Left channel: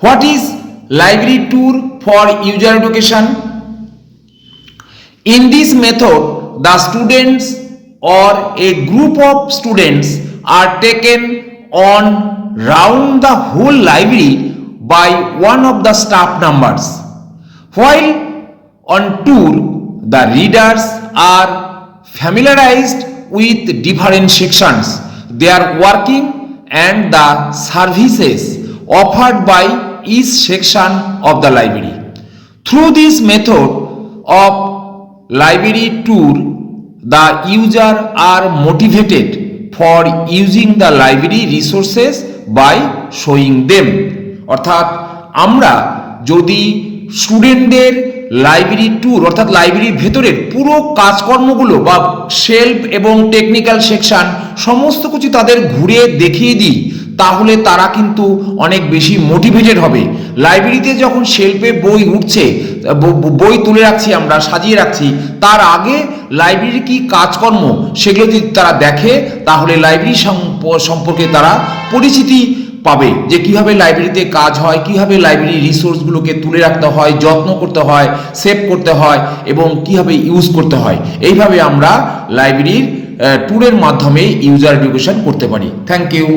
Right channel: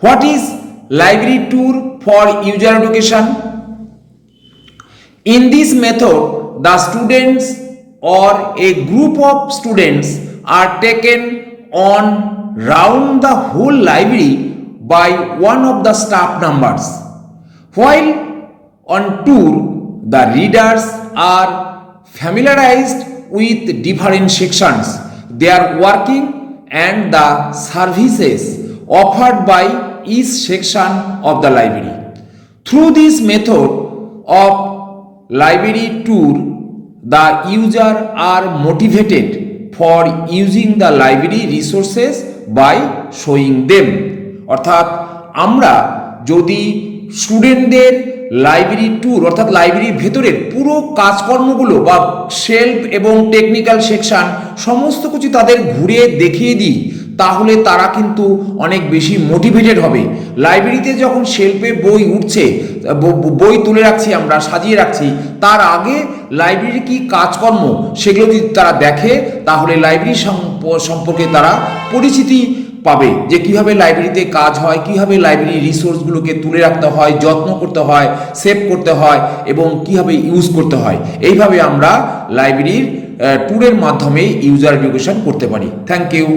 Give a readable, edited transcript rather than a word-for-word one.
What is library tour for user education? In this method, the students or a group of students are taken on round the whole library by one of the staff members. While on tour, the readers are familiarized with different sections, their working and the services offered by each section of the library. Through this method of library tour, the user are motivated for using the library resources by showing them. অর্থাৎ আমরা যদি স্টুডেন্টদের library tour অর্থাৎ লাইব্রেরির ভেতরের পুরো কাজকর্মগুলো বা শেলফ এবং টেকনিক্যাল সেকশন সমস্ত কিছু তাদের ঘুরে দেখিয়ে দিই, তাহলে তারা কিন্তু অনেক বেশি মোটিভেটেড হবে। লাইব্রেরিতে যখন শেলফে বই উঠছে, বই তুলে রাখছি, আমরা সাজিয়ে রাখছি, তার আগে লাইব্রেরির কি কাজকর্ম সেগুলো যদি তারা দেখে, তাহলে লাইব্রেরি সম্পর্কে তারা পরিচিতি পাবে, যে কিভাবে লাইব্রেরিতে কাজ হয়, কিভাবে লাইব্রেরি রিসোর্সগুলোকে তুলে রাখতে হয়, যত্ন করতে হয়, সেভ করতে হয় এবং কিভাবে ইউজ করতে হয়। এইভাবে আমরা লাইব্রেরির ট্যুরের মাধ্যমে ইউজার এডুকেশন করতে পারি। Thank you.